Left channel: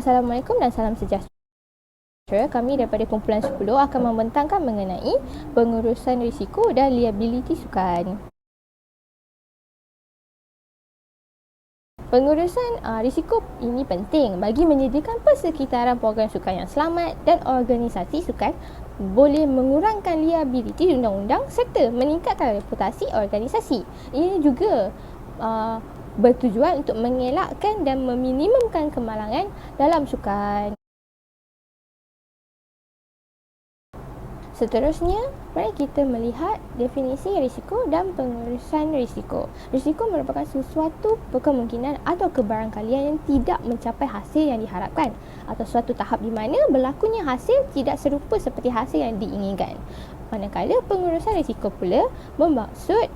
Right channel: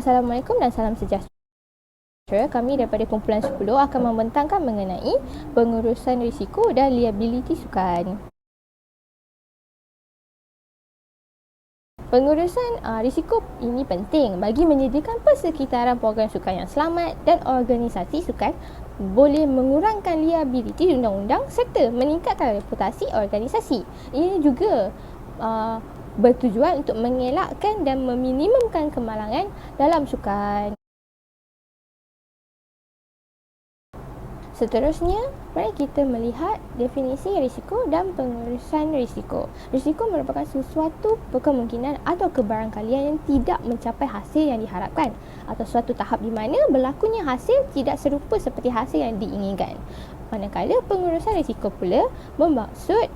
Assalamualaikum dan salam sejahtera. Kami daripada kumpulan 10 akan membentangkan mengenai pengurusan risiko dan liability sukan. Pengurusan risiko ini penting bagi menyediakan persekitaran program sukan yang selamat, dan organisasi sukan boleh mengurangkan liability undang-undang serta meningkatkan reputasi organisasi. Ini juga bertujuan untuk mengelakkan dan meminimumkan kemalangan dalam sukan. Seterusnya, mari kita melihat definisi risiko dan pengurusan risiko. Risiko merupakan sesuatu kemungkinan atau kebarangkalian yang tidak mencapai hasil yang diharapkan atau suatu tahap di mana berlakunya hasil tidak serupa seperti hasil yang diinginkan. Manakala pengurusan risiko pula bermaksud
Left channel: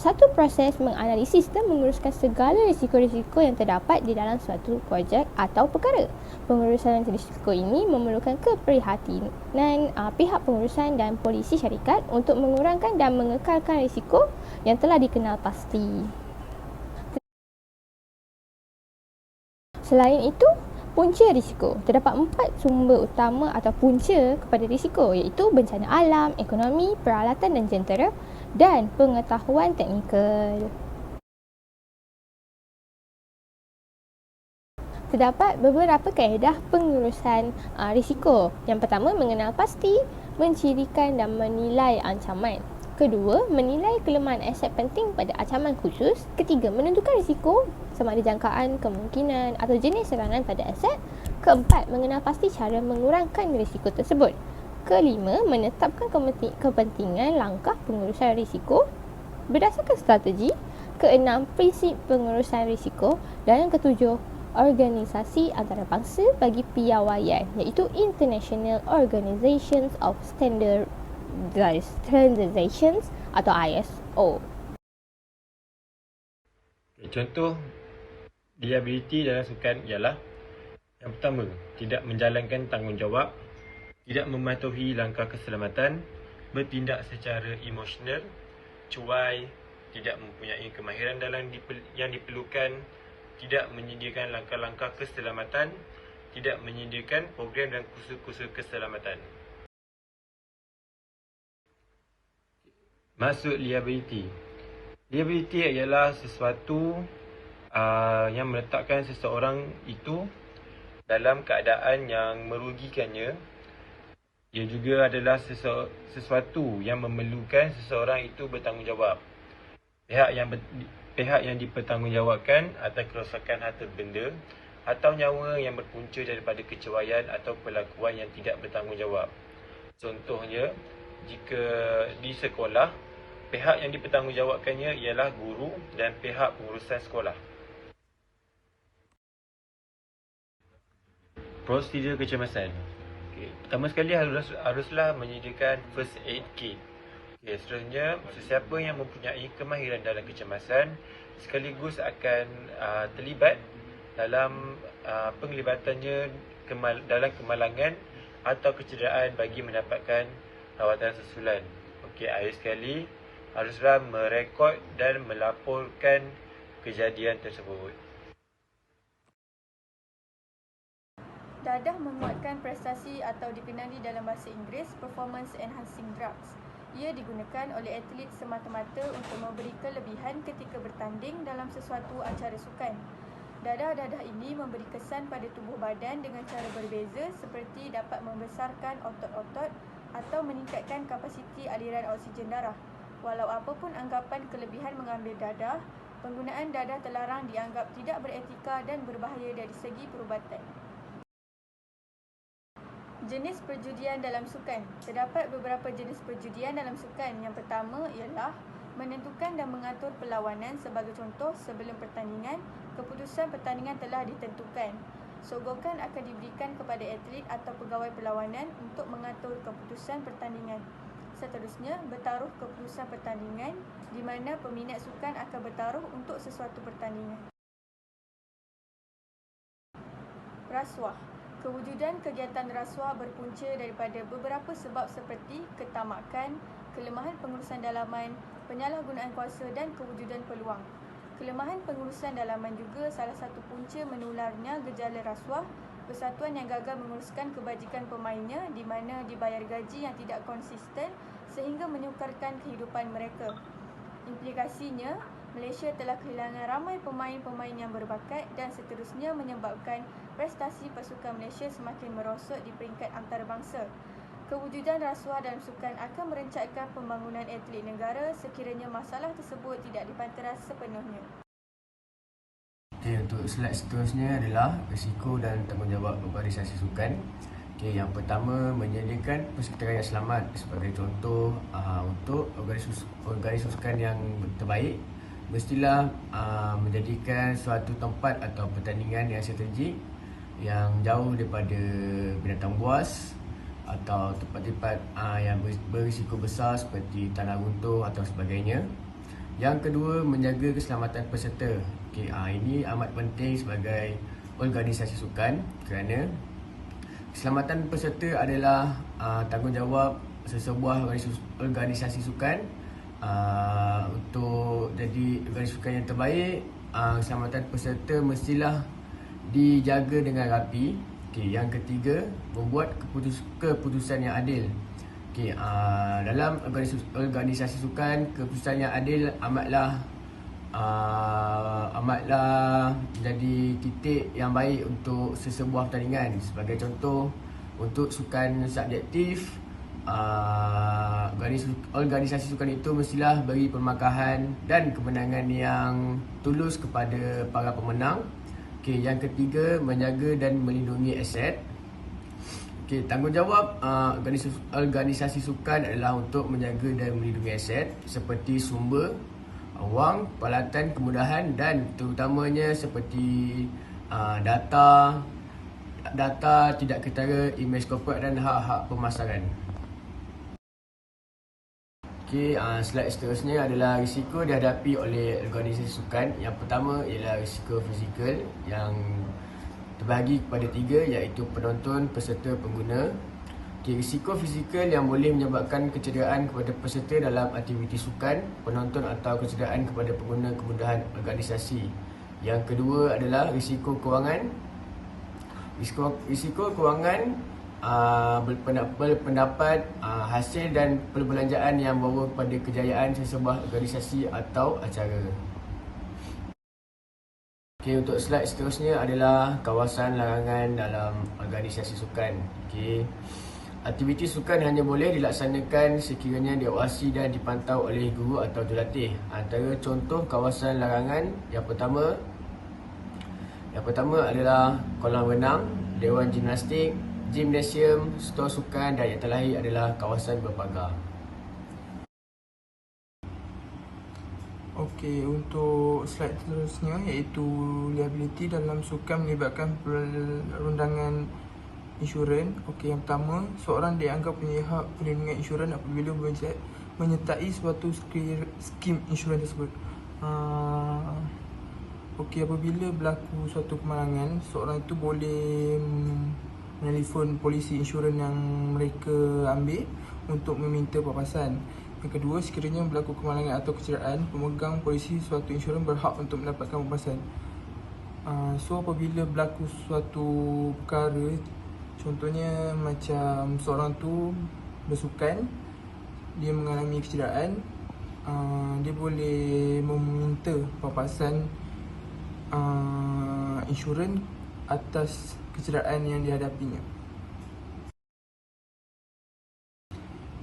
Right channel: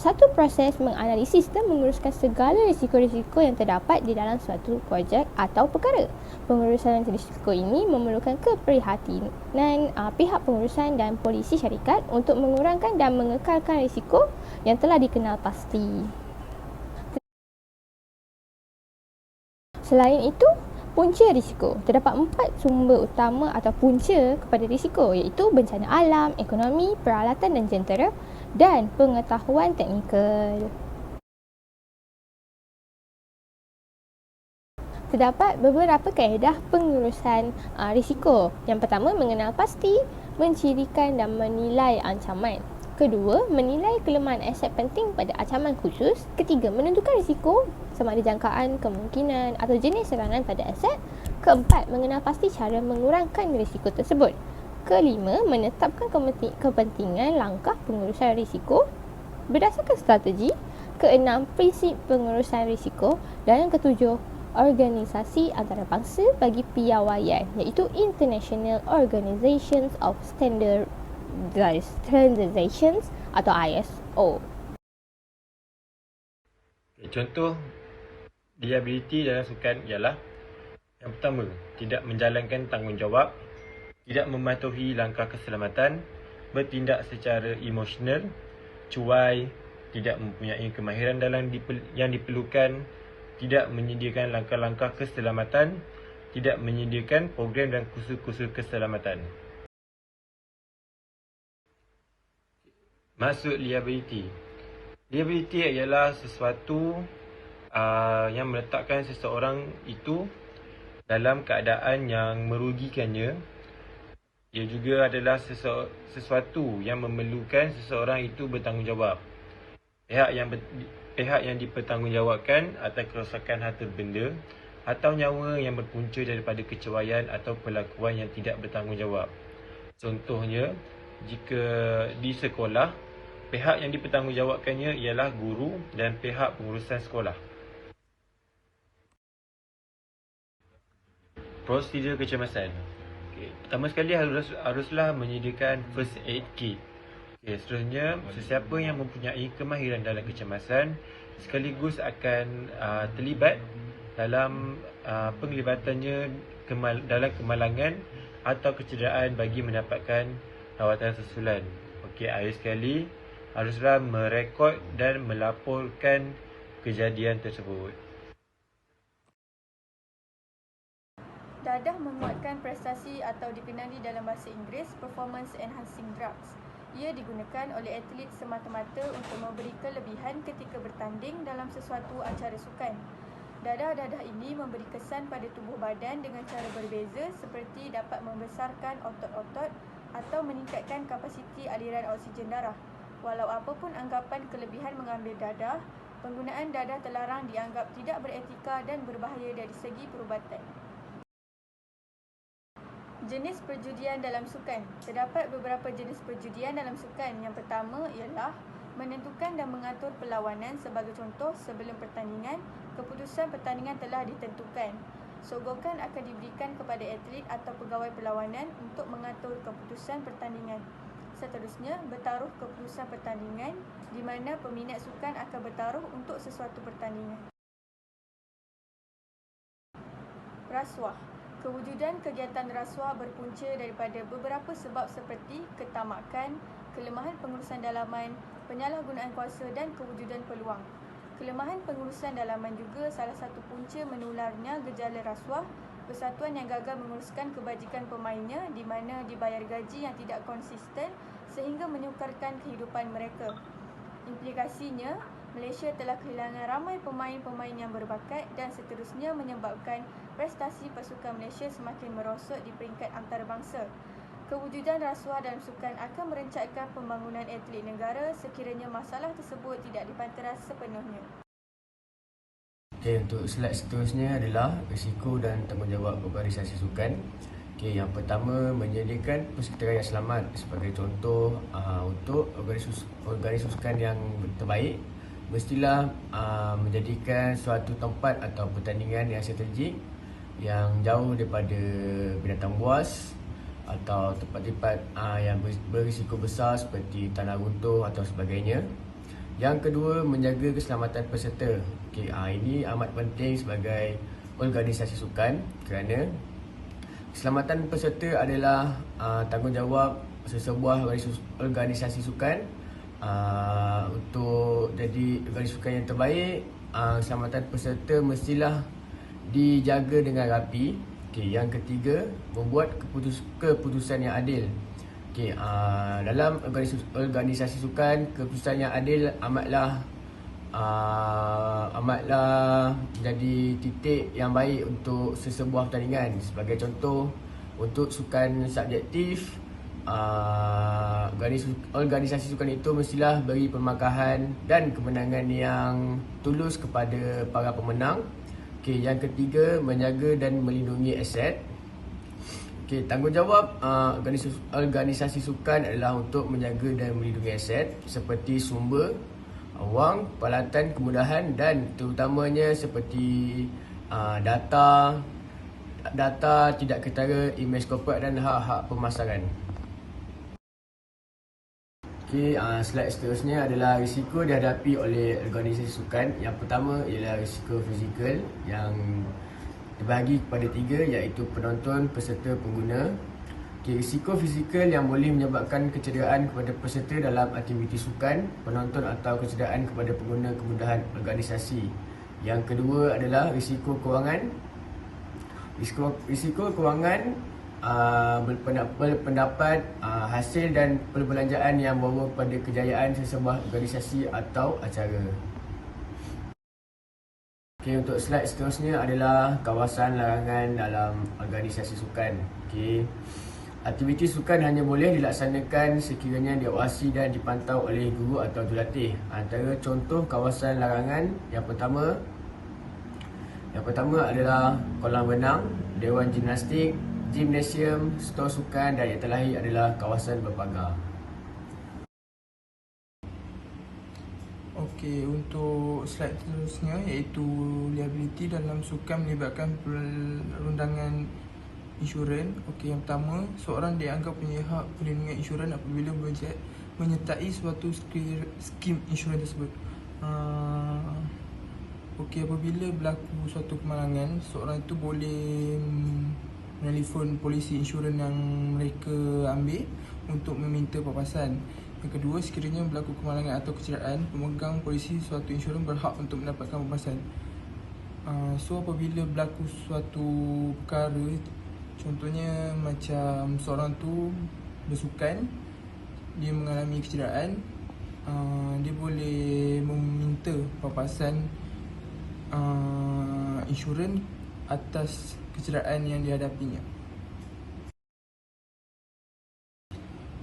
satu proses menganalisis dan menguruskan segala risiko-risiko yang terdapat di dalam suatu projek atau perkara. Pengurusan risiko ini memerlukan keprihatinan pihak pengurusan dan polisi syarikat untuk mengurangkan dan mengekalkan risiko yang telah dikenal pasti. Selain itu, punca risiko. Terdapat 4 sumber utama atau punca kepada risiko, iaitu bencana alam, ekonomi, peralatan dan jentera, dan pengetahuan teknikal. Terdapat beberapa kaedah pengurusan risiko. Yang pertama, mengenal pasti, mencirikan dan menilai ancaman. Kedua, menilai kelemahan aset penting pada ancaman khusus. Ketiga, menentukan risiko sama ada jangkaan, kemungkinan atau jenis serangan pada aset. Keempat, mengenal pasti cara mengurangkan risiko tersebut. Kelima, menetapkan kepentingan langkah pengurusan risiko berdasarkan strategi. Keenam, prinsip pengurusan risiko. Dan yang ketujuh, organisasi antarabangsa bagi piawaian, iaitu International Organizations of Standardizations atau ISO. Contoh liability dalam sukan ialah: yang pertama, tidak menjalankan tanggungjawab, tidak mematuhi langkah keselamatan, bertindak secara emosional, cuai, tidak mempunyai kemahiran dalam yang diperlukan, tidak menyediakan langkah-langkah keselamatan, tidak menyediakan program dan kursus-kursus keselamatan. Maksud liability. Liability ialah sesuatu yang meletakkan seseorang itu dalam keadaan yang merugikannya. Ia juga adalah sesuatu yang memerlukan seseorang itu bertanggungjawab. Pihak yang dipertanggungjawabkan atau kerosakan harta benda atau nyawa yang berpunca daripada kecerobohan atau perlakuan yang tidak bertanggungjawab. Contohnya, jika di sekolah, pihak yang dipertanggungjawabkannya ialah guru dan pihak pengurusan sekolah. Prosedur kecemasan. Pertama sekali haruslah menyediakan first aid kit. Seterusnya, sesiapa yang mempunyai kemahiran dalam kecemasan sekaligus akan terlibat dalam penglibatannya dalam kemalangan atau kecederaan bagi mendapatkan rawatan susulan. Akhir sekali, haruslah merekod dan melaporkan kejadian tersebut. Dadah menguatkan prestasi atau dikenali dalam bahasa Inggeris performance enhancing drugs. Ia digunakan oleh atlet semata-mata untuk memberi kelebihan ketika bertanding dalam sesuatu acara sukan. Dadah-dadah ini memberi kesan pada tubuh badan dengan cara berbeza, seperti dapat membesarkan otot-otot atau meningkatkan kapasiti aliran oksigen darah. Walau apapun anggapan kelebihan mengambil dadah, penggunaan dadah terlarang dianggap tidak beretika dan berbahaya dari segi perubatan. Jenis perjudian dalam sukan. Terdapat beberapa jenis perjudian dalam sukan. Yang pertama ialah menentukan dan mengatur perlawanan. Sebagai contoh, sebelum pertandingan, keputusan pertandingan telah ditentukan. Sogokan akan diberikan kepada atlet atau pegawai perlawanan untuk mengatur keputusan pertandingan. Seterusnya, bertaruh keputusan pertandingan, di mana peminat sukan akan bertaruh untuk sesuatu pertandingan. Rasuah. Kewujudan kegiatan rasuah berpunca daripada beberapa sebab seperti ketamakan, kelemahan pengurusan dalaman, penyalahgunaan kuasa dan kewujudan peluang. Kelemahan pengurusan dalaman juga salah satu punca menularnya gejala rasuah Persatuan yang gagal menguruskan kebajikan pemainnya di mana dibayar gaji yang tidak konsisten sehingga menyukarkan kehidupan mereka. Implikasinya, Malaysia telah kehilangan ramai pemain-pemain yang berbakat dan seterusnya menyebabkan prestasi pasukan Malaysia semakin merosot di peringkat antarabangsa. Kewujudan rasuah dalam sukan akan merencatkan pembangunan atlet negara sekiranya masalah tersebut tidak dipanteras sepenuhnya. Okey, untuk slide seterusnya adalah risiko dan tanggungjawab organisasi sukan. Okey, yang pertama, menyediakan persekitaran yang selamat. Sebagai contoh, untuk organisasi sukan yang terbaik, mestilah menjadikan suatu tempat atau pertandingan yang strategik yang jauh daripada binatang buas atau tempat-tempat yang berisiko besar seperti tanah runtuh atau sebagainya. Yang kedua, menjaga keselamatan peserta. Okey, ini amat penting sebagai organisasi sukan kerana keselamatan peserta adalah tanggungjawab sesebuah organisasi sukan. Untuk jadi organisasi sukan yang terbaik, keselamatan peserta mestilah dijaga dengan rapi. Okey, yang ketiga, membuat keputusan yang adil. Okey, dalam organisasi sukan, keputusan yang adil amatlah jadi titik yang baik untuk sesebuah pertandingan. Sebagai contoh, untuk sukan subjektif, organisasi sukan itu mestilah beri permakahan dan kemenangan yang tulus kepada para pemenang. Okey, yang ketiga, menjaga dan melindungi aset. Okey, tanggungjawab organisasi sukan adalah untuk menjaga dan melindungi aset seperti sumber, wang, peralatan, kemudahan dan terutamanya seperti data tidak ketara, imej korporat dan hak-hak pemasaran. Okey, slide seterusnya adalah risiko dihadapi oleh organisasi sukan. Yang pertama ialah risiko fizikal yang terbahagi kepada tiga, iaitu penonton, peserta, pengguna. Okey, risiko fizikal yang boleh menyebabkan kecederaan kepada peserta dalam aktiviti sukan, penonton atau kecederaan kepada pengguna kemudahan organisasi. Yang kedua adalah risiko kewangan. Risiko kewangan berpendapat hasil dan perbelanjaan yang membawa kepada kejayaan sesebuah organisasi atau acara. Okey, untuk slide seterusnya adalah kawasan larangan dalam organisasi sukan. Okey, aktiviti sukan hanya boleh dilaksanakan sekiranya diawasi dan dipantau oleh guru atau jurulatih. Antara contoh kawasan larangan yang pertama adalah kolam renang, dewan gimnastik, gimnasium, stor sukan dan yang terakhir adalah kawasan berpagar. Okey, untuk slide seterusnya iaitu liability dalam sukan melibatkan perundangan insurans. Okey, yang pertama, seorang dianggap punya hak perlindungan insurans apabila menyertai suatu skim insurans tersebut. Okey, apabila berlaku suatu kemalangan, seorang itu boleh menelefon polisi insurans yang mereka ambil untuk meminta papasan. Yang kedua, sekiranya berlaku kemalangan atau kecederaan, pemegang polisi suatu insurans berhak untuk mendapatkan papasan. So apabila berlaku suatu perkara, contohnya macam seorang tu bersukan, dia mengalami kecederaan, dia boleh meminta papasan insurans atas kecederaan yang dihadapinya.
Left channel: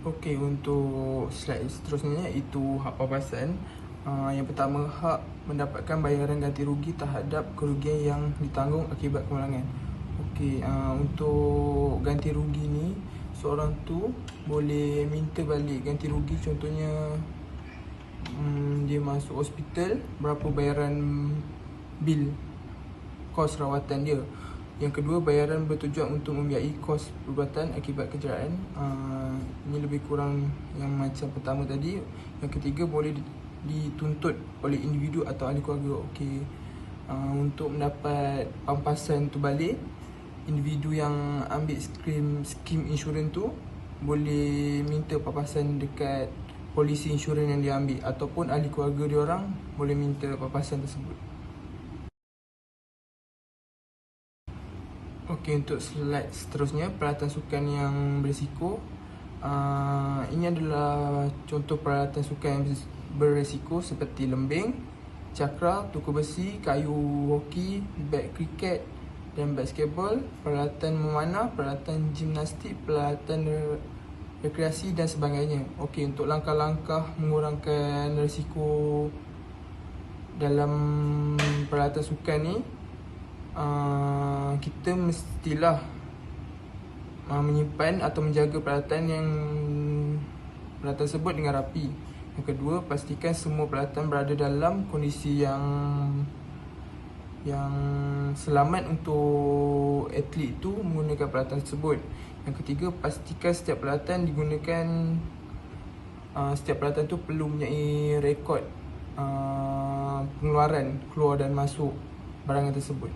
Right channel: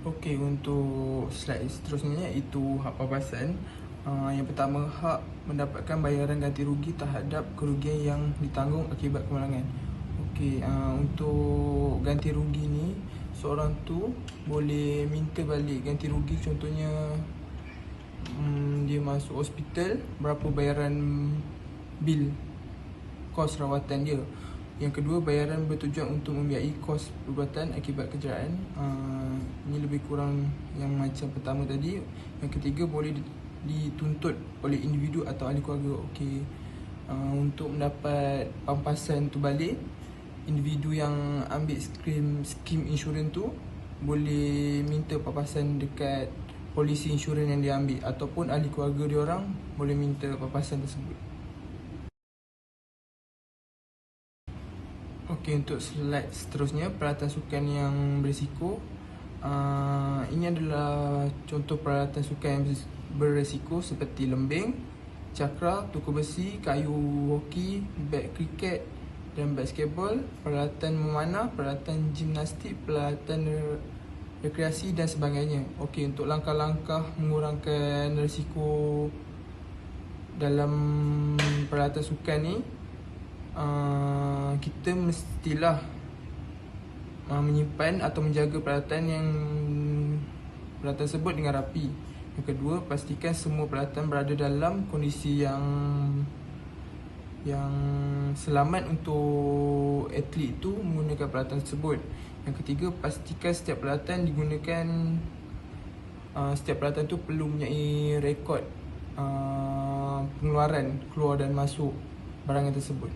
Okey, untuk slide seterusnya iaitu hak papasan. Yang pertama, hak mendapatkan bayaran ganti rugi terhadap kerugian yang ditanggung akibat kemalangan. Okey, untuk ganti rugi ni, seorang tu boleh minta balik ganti rugi. Contohnya dia masuk hospital, berapa bayaran bil kos rawatan dia. Yang kedua, bayaran bertujuan untuk membiayai kos perubatan akibat kecederaan. Ini lebih kurang yang macam pertama tadi. Yang ketiga, boleh dituntut oleh individu atau ahli keluarga. Okey, untuk mendapat pampasan tu balik, individu yang ambil skim insurans tu boleh minta papasan dekat polisi insurans yang dia ambil, ataupun ahli keluarga dia orang boleh minta papasan tersebut. Okey, untuk slide seterusnya, peralatan sukan yang berisiko. Ini adalah contoh peralatan sukan yang berisiko seperti lembing, cakra, tuku besi, kayu hoki, bat kriket dan basketball, peralatan memanah, peralatan gimnastik, peralatan rekreasi dan sebagainya. Okey, untuk langkah-langkah mengurangkan risiko dalam peralatan sukan ni, kita mestilah menyimpan atau menjaga peralatan tersebut dengan rapi. Yang kedua, pastikan semua peralatan berada dalam kondisi yang selamat untuk atlet itu menggunakan peralatan tersebut. Yang ketiga, pastikan setiap peralatan itu perlu mempunyai rekod pengeluaran, keluar dan masuk barangan tersebut.